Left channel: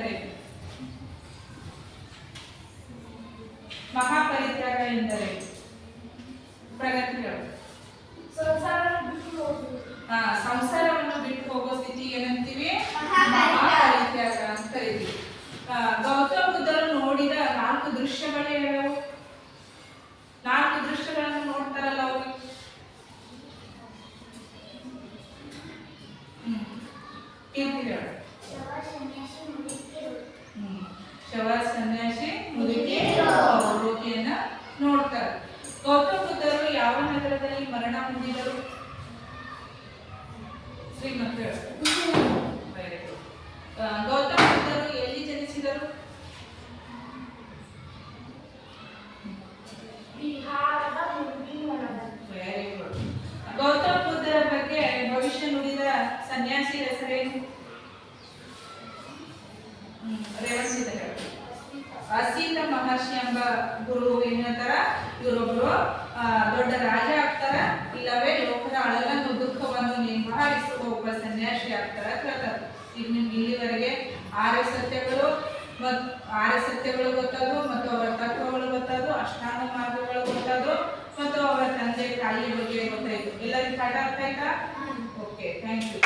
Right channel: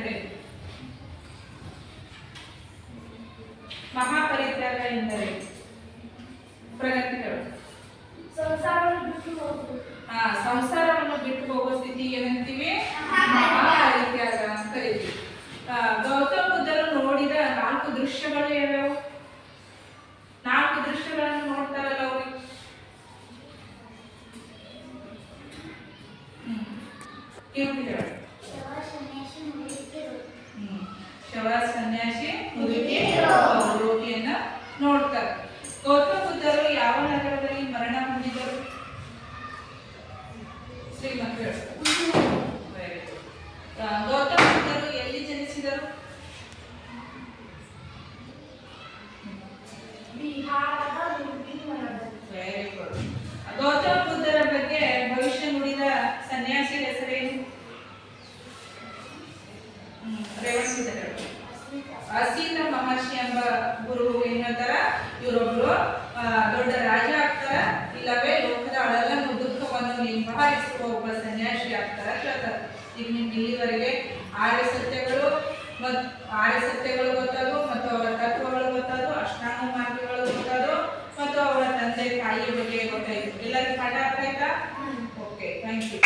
ಎಂದರೆ ಮಹಾಪರಿತ್ಯಾಗ ಎಂದರೆ ಪ್ರಗತಿಗಳು ಸಂಸಾರವನ್ನು ಬಿಟ್ಟು ಹೋಗೋ ಸ್ಥಿತಿ ಏನಂತೀವಿ ಮಹಾಪರಿತ್ಯಾಗ ಅಂತ ಕರಿತೀವಿ. ಗೌತಮ ಬುದ್ಧರು ನೋಡಿದ 4 ದೃಶ್ಯಗಳು ಯಾವ್ಯಾವು? 4 ದೃಶ್ಯಗಳನ್ನು ನೋಡ್ತಾರಲ್ಲ ಅವರು. ಶವ ಸನ್ಯಾಸಿ ಮುದುಕಿ ರೋಗಿಯನ್ನ ನೋಡ್ತಾರೆ. ಗೌತಮ ಬುದ್ಧರು ಯಾವ ನಗರದಲ್ಲಿ ಮರಣ ಹೊಂದಿದರು? ಶ್ರೀಮಂತ. ಗೌತಮ ಬುದ್ಧರು ಎಲ್ಲಿ ಜನಿಸಿದರು? Very good. ಗೌತಮ ಬುದ್ಧರ ಬಗ್ಗೆ ಭವಿಷ್ಯ ನುಡಿದ ಸನ್ಯಾಸಿ ಹೆಸರೇನು? ಅಸೀತ ಮಹರ್ಷಿ ಎಂಬ ಗುರು ಏನ್ ಹೇಳ್ತಾರ, ಇವರೊಬ್ರು ದೊಡ್ಡ ರಾಜ ಆಗ್ತಾರ, ಇಲ್ಲವೇ ಲೋಕದ ಅಳಲನ್ನು ದುಃಖವನ್ನು ನಿಭಾಯಿಸುವ ಒಬ್ಬ ಸನ್ಯಾಸಿ ಆಗ್ತಾರ ಹೇಳ್ತಾರ. ಈಗ ನಿಮ್ಗೆ ಇಲ್ಲಿವರೆಗೆ 6 ಸತ್ಯಗಳು ಗೊತ್ತಾದವು, ಮತ್ತು ಅವರ ತತ್ವಗಳು ಗೊತ್ತಾದವು, ಅಷ್ಟಾಂಗ ಮಾರ್ಗಗಳು ಗೊತ್ತಾದವು, ಮತ್ತು ಅವರ ತಂದೆ ತಾಯಿಯ ಬಗ್ಗೆ ಗೊತ್ತಾಯ್ತು. ಎಲ್ಲರಿಗೂ ಪಾಠ ಆಗ್ತಾ ಇತ್ತಾ? Okay, thank you.